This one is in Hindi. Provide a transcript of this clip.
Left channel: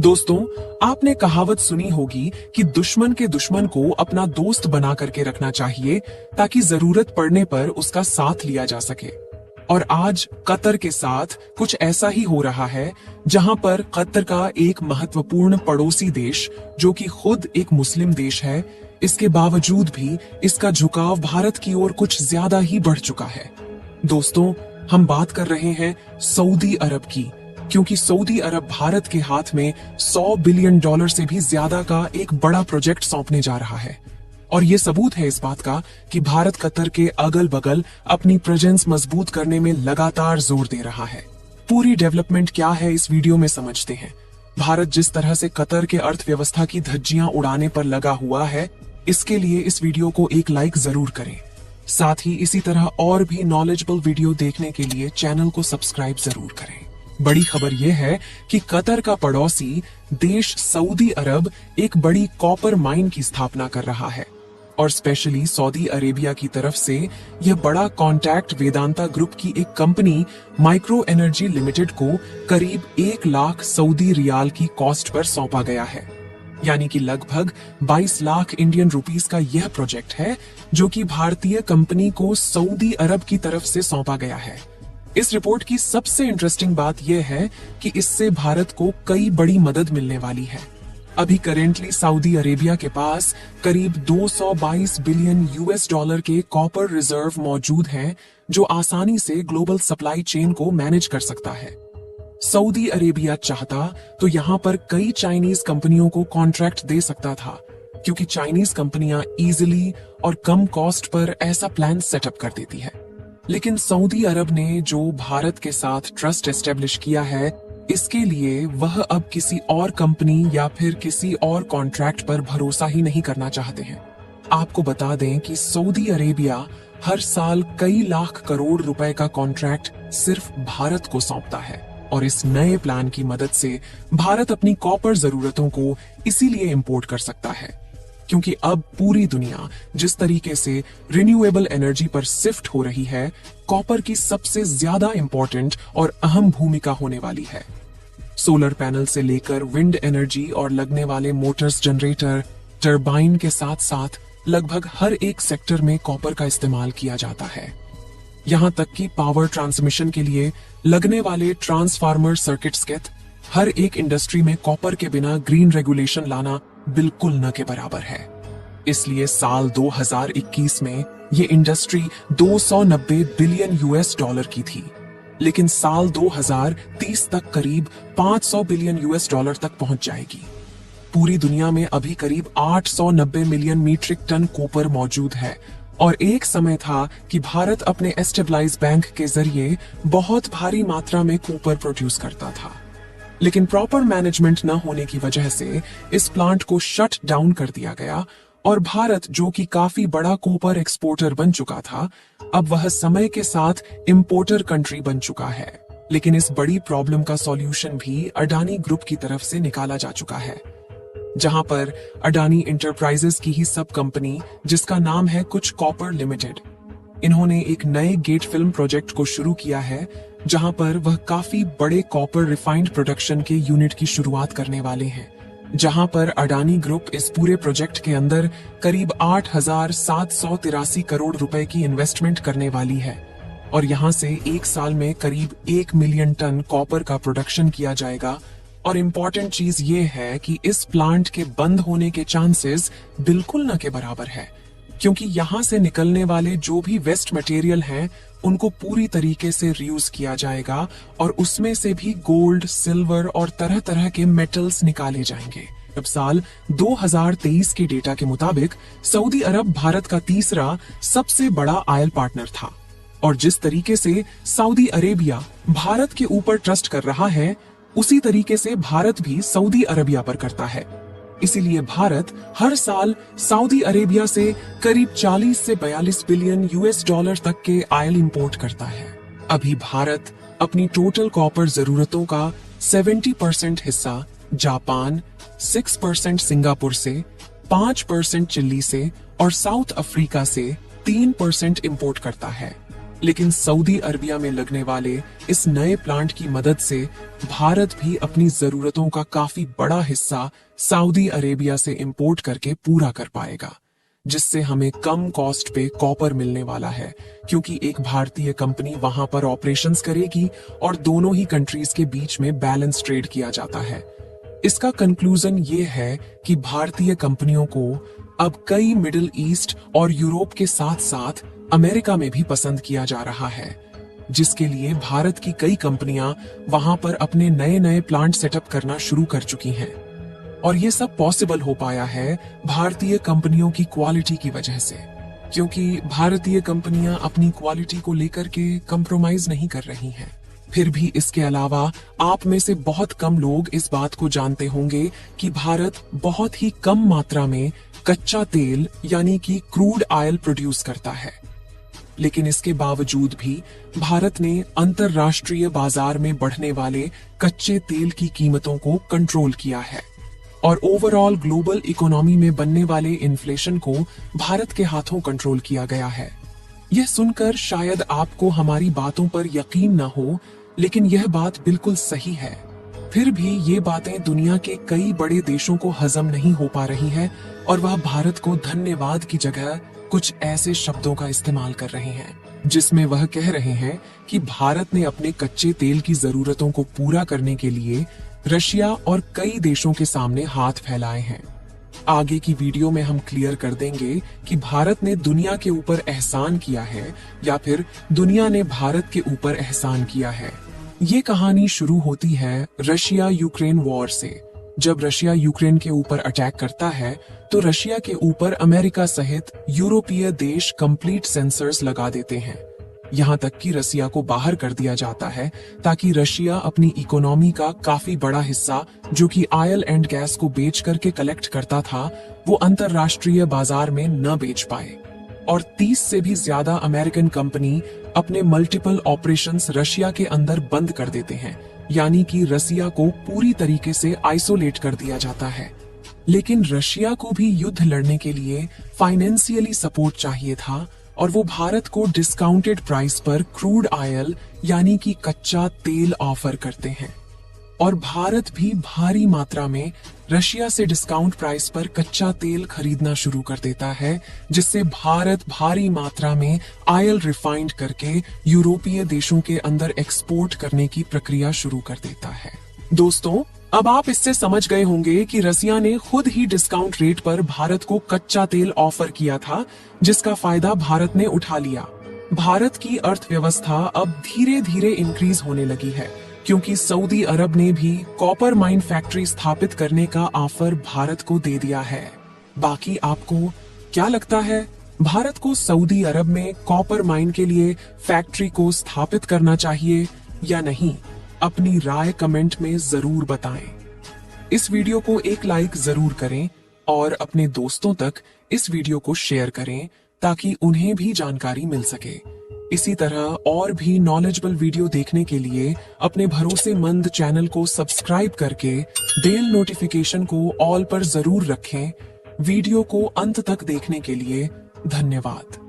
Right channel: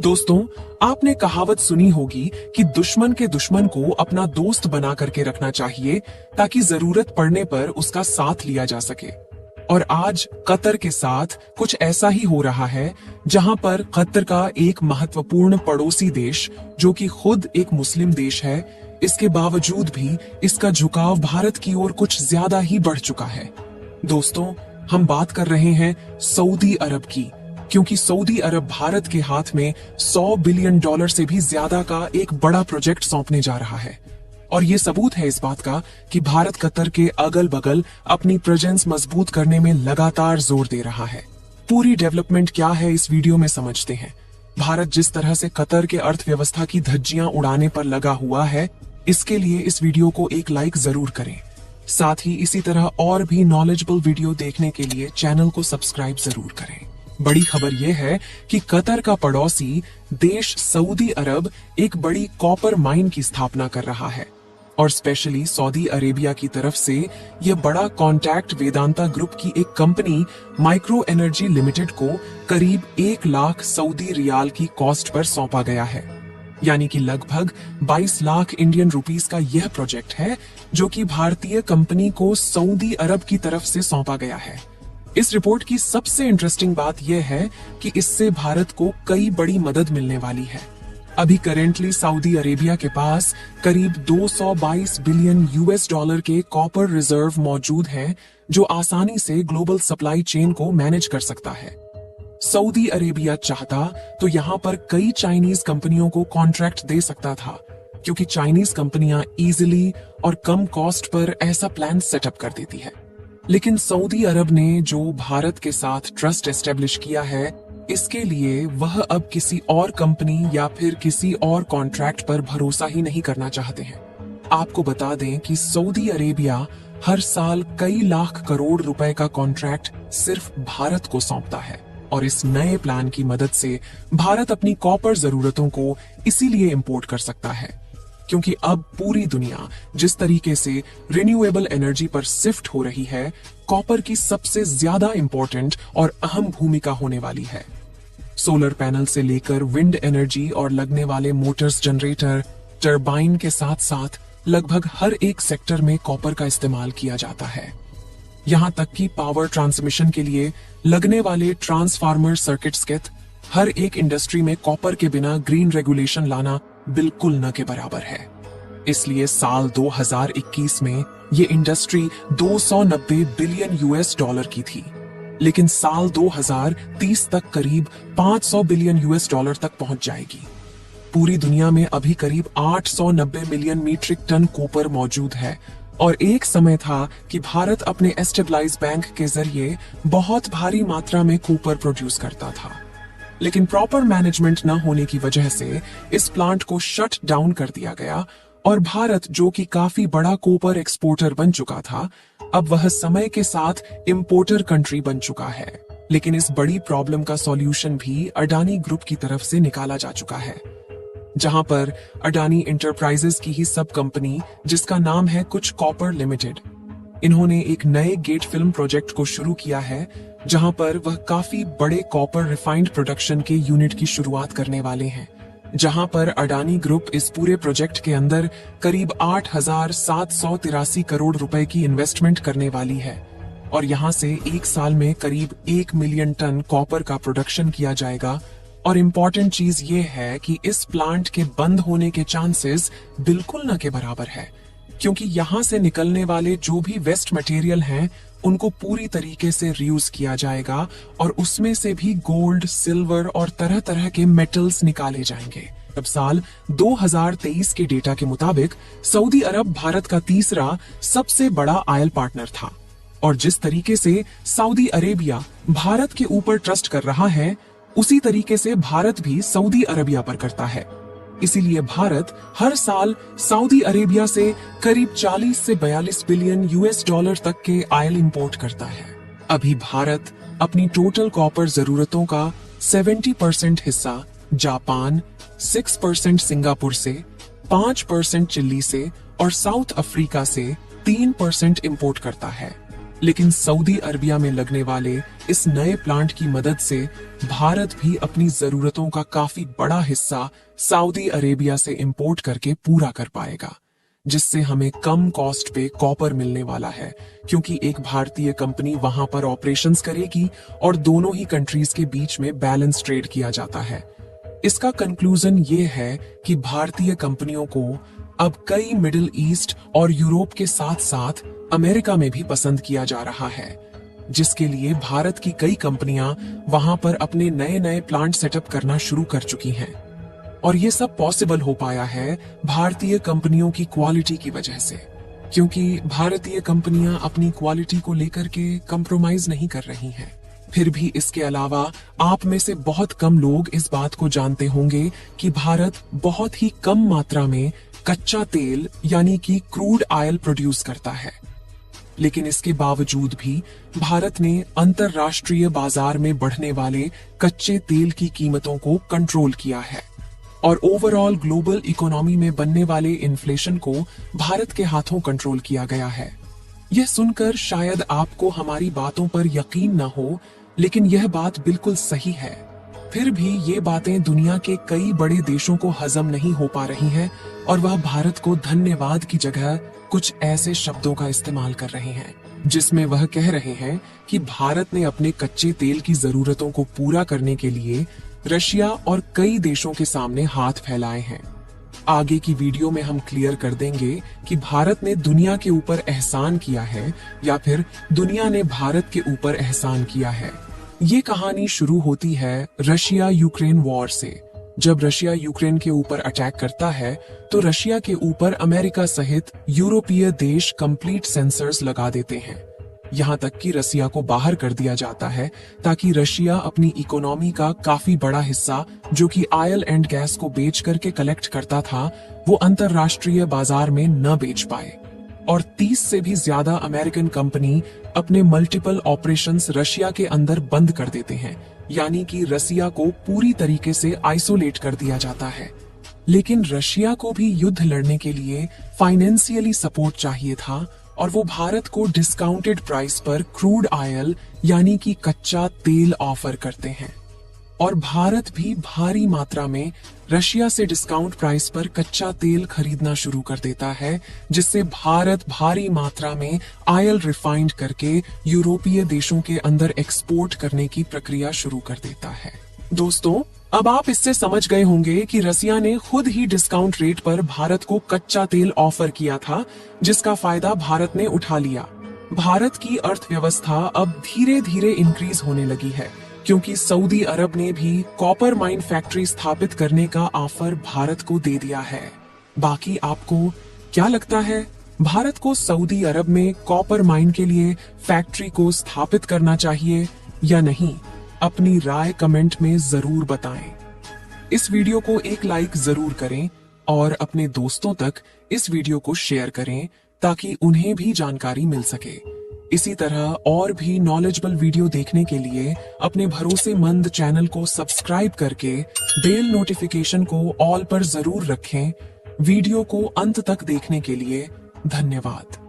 दोस्तों, आपने कहावत सुनी होगी कि दुश्मन के दुश्मन को अपना दोस्त बना करके रखना चाहिए ताकि जरूरत पड़ने पर उसका साथ लिया जा सके। और आज कतर के साथ कुछ ऐसा ही हो रहा है, जहां पर कतर का एक महत्वपूर्ण पड़ोसी देश, जो कि खुद एक मुस्लिम देश है, इसके बावजूद भी इसका झुकाव भारत की ओर कुछ ज्यादा ही बढ़ चुका है। दोस्तों, हम बात कर रहे हैं सऊदी अरब की, क्योंकि सऊदी अरब भारत के हाथ में $100 बिलियन से भी ज्यादा का एक बड़ा प्रोजेक्ट सौंपने जा रहा है। और ये सबूत है इस बात का कि भारत कतर के अगल बगल अपनी प्रेजेंस मजबूत करने में लगातार जोर दे रहा है। पूरी डेवलपमेंट क्या है इस वीडियो में समझते हैं। भारत जिस तरह से कतर के अर्थव्यवस्था की धज्जियां उड़ाने पर लगा हुआ है, इसके लिए इस वीडियो को एक लाइक जरूर करें। साथ ही इसी तरह और भी नॉलेजेबल वीडियो देखने के लिए चैनल को सब्सक्राइब जरूर करें। बड़ी खबर यह है कि कतर का पड़ोसी देश सऊदी अरब एक बड़ी कॉपर माइन की स्थापना कर रहा है, और स्पेशली सऊदी अरेबिया की तरफ से यह बड़ा कॉन्टैक्ट वेदांता ग्रुप की एक कंपनी माइक्रो एनर्जी लिमिटेड को करीब 1 लाख सऊदी रियाल की कॉस्ट पर सौंपा गया है। यानी कि लगभग 22 लाख इंडियन रुपीस का यह प्रोजेक्ट है, जो कि भारतीय कंपनी को सऊदी अरब की तरफ से सौंपा गया है। इस रिपोर्ट की सबसे इंटरेस्टिंग बात यह है कि इससे भारत को कई बड़ी मदद मिलने वाली है। अभी करेंटली सऊदी अरेबिया के पास करीब $222 बिलियन के कॉपर रिजर्व मौजूद हैं, जो आसानी से ग्लोबल सप्लाई चेन को मैनेज कर सकता है। सऊदी अरेबिया चाहता तो यहाँ पर कई चाइनीज कंपनियों को कॉन्ट्रैक्ट दे सकता था, क्योंकि चाइनीज कंपनियां इजीली और कम कॉस्ट पर ऐसा प्लान सेटअप कर देती है। लेकिन सऊदी अरब ने जो भारत के साथ ट्रस्ट एस्टेब्लिश किया है, इसके लिए वह अब किसी और कंपनी या फिर किसी और कॉन्ट्रैक्ट पर भरोसा ही नहीं करना चाहते हैं। आपको बता दें कि सऊदी अरेबिया हर साल कई लाख करोड़ रुपए का कॉन्ट्रैक्ट सिर्फ भारत को सौंपता है, और इस नए प्लान की मदद से भारत अपनी कॉपर जरूरतों को इसीलिए इंपोर्ट कर सकता है, क्योंकि अब पूरी दुनिया जिस तरीके से रिन्यूएबल एनर्जी पर शिफ्ट हो रही है, कॉपर की सबसे ज्यादा इंपॉर्टेंट और अहम भूमिका होने वाली है। सोलर पैनल से लेकर विंड एनर्जी और लगने वाले मोटर्स, जनरेटर, टरबाइन के साथ साथ लगभग हर एक सेक्टर में कॉपर का इस्तेमाल किया जाता है। यहाँ तक कि पावर ट्रांसमिशन के लिए लगने वाले ट्रांसफार्मर सर्किट्स के हर एक इंडस्ट्री में कॉपर के बिना ग्रीन रेगुलेशन लाना बिल्कुल न के बराबर है। इसलिए साल 2021 में ये इंडस्ट्री $290 बिलियन की थी, लेकिन साल 2030 तक करीब $500 बिलियन तक पहुंच जाएगी। पूरी दुनिया में अभी करीब 890 मिलियन मीट्रिक टन कॉपर मौजूद है, और एक समय था कि भारत अपने एस्टेब्लाइज बैंक के जरिए बहुत भारी मात्रा में कॉपर प्रोड्यूस करता था। लेकिन प्रॉपर मैनेजमेंट न होने की वजह से इस प्लांट को शट डाउन कर दिया गया, और भारत, जो कि काफी बड़ा कॉपर एक्सपोर्टर बन चुका था, अब वह समय के साथ इंपोर्टर कंट्री बन चुका है। लेकिन इस बड़ी प्रॉब्लम का सॉल्यूशन भी अडानी ग्रुप की तरफ से निकाला जा चुका है, जहां पर अडानी इंटरप्राइजेस की ही सब कंपनी, जिसका नाम है कुछ कॉपर लिमिटेड, इन्होंने एक नए गेट फिल्म प्रोजेक्ट को शुरू किया है, जहां पर वह काफी बड़े कॉपर रिफाइंड प्रोडक्शन के यूनिट की शुरुआत करने वाले हैं, जहां पर अडानी ग्रुप इस पूरे प्रोजेक्ट के अंदर करीब 8,783 करोड़ रुपए की इन्वेस्टमेंट करने वाली है, और यहां से एक साल में करीब 1 मिलियन टन कॉपर का प्रोडक्शन किया जाएगा। और इम्पोर्टेंट चीज ये है कि इस प्लांट के बंद होने के चांसेस बिल्कुल न के बराबर है, क्योंकि यहाँ से निकलने वाले जो भी वेस्ट मटेरियल हैं, उनको पूरी तरीके से रीयूज किया जाएगा, और उसमें से भी गोल्ड, सिल्वर और तरह तरह के मेटल्स निकाले जाएंगे। अब साल 2023 के डेटा के मुताबिक सऊदी अरब भारत का तीसरा सबसे बड़ा आयल पार्टनर था, और जिस तरीके से सऊदी अरेबिया भारत के ऊपर ट्रस्ट कर रहा है, उसी तरीके से भारत भी सऊदी अरेबिया पर करता है। इसीलिए भारत हर साल सऊदी अरेबिया से करीब 40 से 42 बिलियन US तक के आयल इंपोर्ट करता है। अभी भारत अपनी टोटल कॉपर जरूरतों का 70% हिस्सा जापान, 6% सिंगापुर से, 5% चिली से और साउथ अफ्रीका से 3% इंपोर्ट करता है। लेकिन सऊदी अरबिया में लगने वाले इस नए प्लांट की मदद से भारत भी अपनी जरूरतों का काफी बड़ा हिस्सा सऊदी अरेबिया से इंपोर्ट करके पूरा कर पाएगा, जिससे हमें कम कॉस्ट पे कॉपर मिलने वाला है, क्योंकि एक भारतीय कंपनी वहां पर ऑपरेशंस करेगी और दोनों ही कंट्रीज के बीच में बैलेंस ट्रेड किया जाता है। इसका कंक्लूजन ये है कि भारतीय कंपनियों को अब कई मिडिल ईस्ट और यूरोप के साथ साथ अमेरिका में भी पसंद किया जा रहा है, जिसके लिए भारत की कई कंपनियां वहां पर अपने नए नए प्लांट सेटअप करना शुरू कर चुकी हैं। और ये सब पॉसिबल हो पाया है भारतीय कंपनियों की क्वालिटी की वजह से, क्योंकि भारतीय कंपनियां अपनी क्वालिटी को लेकर के कंप्रोमाइज नहीं कर रही हैं। फिर भी इसके अलावा आप में से बहुत कम लोग इस बात को जानते होंगे कि भारत बहुत ही कम मात्रा में कच्चा तेल यानी कि क्रूड ऑयल प्रोड्यूस करता है, लेकिन इसके बावजूद भी भारत ने अंतरराष्ट्रीय बाजार में बढ़ने वाले कच्चे तेल की कीमतों को कंट्रोल किया है और ओवरऑल ग्लोबल इकोनॉमी में बनने वाले इन्फ्लेशन को भारत के हाथों कंट्रोल किया गया है। यह सुनकर शायद आपको हमारी बातों पर यकीन न हो, लेकिन यह बात बिल्कुल सही है। फिर भी ये बातें दुनिया के कई बड़े देशों को हजम नहीं हो पा रही हैं और वह भारत को धन्यवाद की जगह कुछ ऐसे शब्दों का इस्तेमाल कर रहे हैं, जिसमें वह कह रहे हैं कि भारत ने अपने कच्चे तेल की जरूरतों को पूरा करने के लिए रशिया और कई देशों के सामने हाथ फैलाए हैं। आगे की वीडियो में हम क्लियर कर देंगे कि भारत ने दुनिया के ऊपर एहसान किया है या फिर दुनिया ने भारत के ऊपर एहसान किया है। ये कहानी शुरू होती है रशिया यूक्रेन वॉर से। जब रशिया यूक्रेन के ऊपर अटैक करता है तो रशिया के ऊपर अमेरिका सहित यूरोपीय देश कंप्लीट सेंसर्स लगा देते हैं। यहाँ तक कि रसिया को बाहर कर दिया जाता है ताकि रशिया अपनी इकोनॉमी का काफी बड़ा हिस्सा, जो कि ऑयल एंड गैस को बेच करके कलेक्ट करता था, वो अंतरराष्ट्रीय बाजार में न बेच पाए। और 30 से भी ज्यादा अमेरिकन कंपनी अपने मल्टीपल ऑपरेशंस रशिया के अंदर बंद कर देते हैं, यानी कि रसिया को पूरी तरीके से आइसोलेट कर दिया जाता है। लेकिन रशिया को भी युद्ध लड़ने के लिए फाइनेंशियली सपोर्ट चाहिए था और वो भारत को डिस्काउंटेड प्राइस पर क्रूड ऑयल यानी कि कच्चा तेल ऑफर करते हैं और भारत भी भारी मात्रा में रशिया से डिस्काउंट प्राइस पर कच्चा तेल खरीदना शुरू कर देता है, जिससे भारत भारी मात्रा में ऑयल रिफाइंड करके यूरोपीय देशों के अंदर एक्सपोर्ट करने की प्रक्रिया शुरू कर देता है। दोस्तों, अब आप इससे समझ गए होंगे कि रसिया ने खुद ही डिस्काउंट रेट पर भारत को कच्चा तेल ऑफर किया था, जिसका फायदा भारत ने उठा लिया। भारत की अर्थव्यवस्था अब धीरे धीरे इंक्रीज होने लगी है, क्योंकि सऊदी अरब ने भी कॉपर माइन फैक्ट्री स्थापित करने का ऑफर भारत को दे दिया है। बाकी आपको क्या लगता है, भारत को सऊदी अरब में कॉपर माइन के लिए फैक्ट्री को स्थापित करना चाहिए या नहीं? अपनी राय कमेंट में जरूर बताएं। इस वीडियो को एक लाइक जरूर करें और अपने दोस्तों तक इस वीडियो को शेयर करें ताकि उन्हें भी जानकारी मिल सके। इसी तरह और भी नॉलेजेबल वीडियो देखने के लिए अपने भरोसेमंद चैनल को सब्सक्राइब करके बेल नोटिफिकेशन को ऑल पर जरूर रखें। वीडियो को अंत तक देखने के लिए धन्यवाद।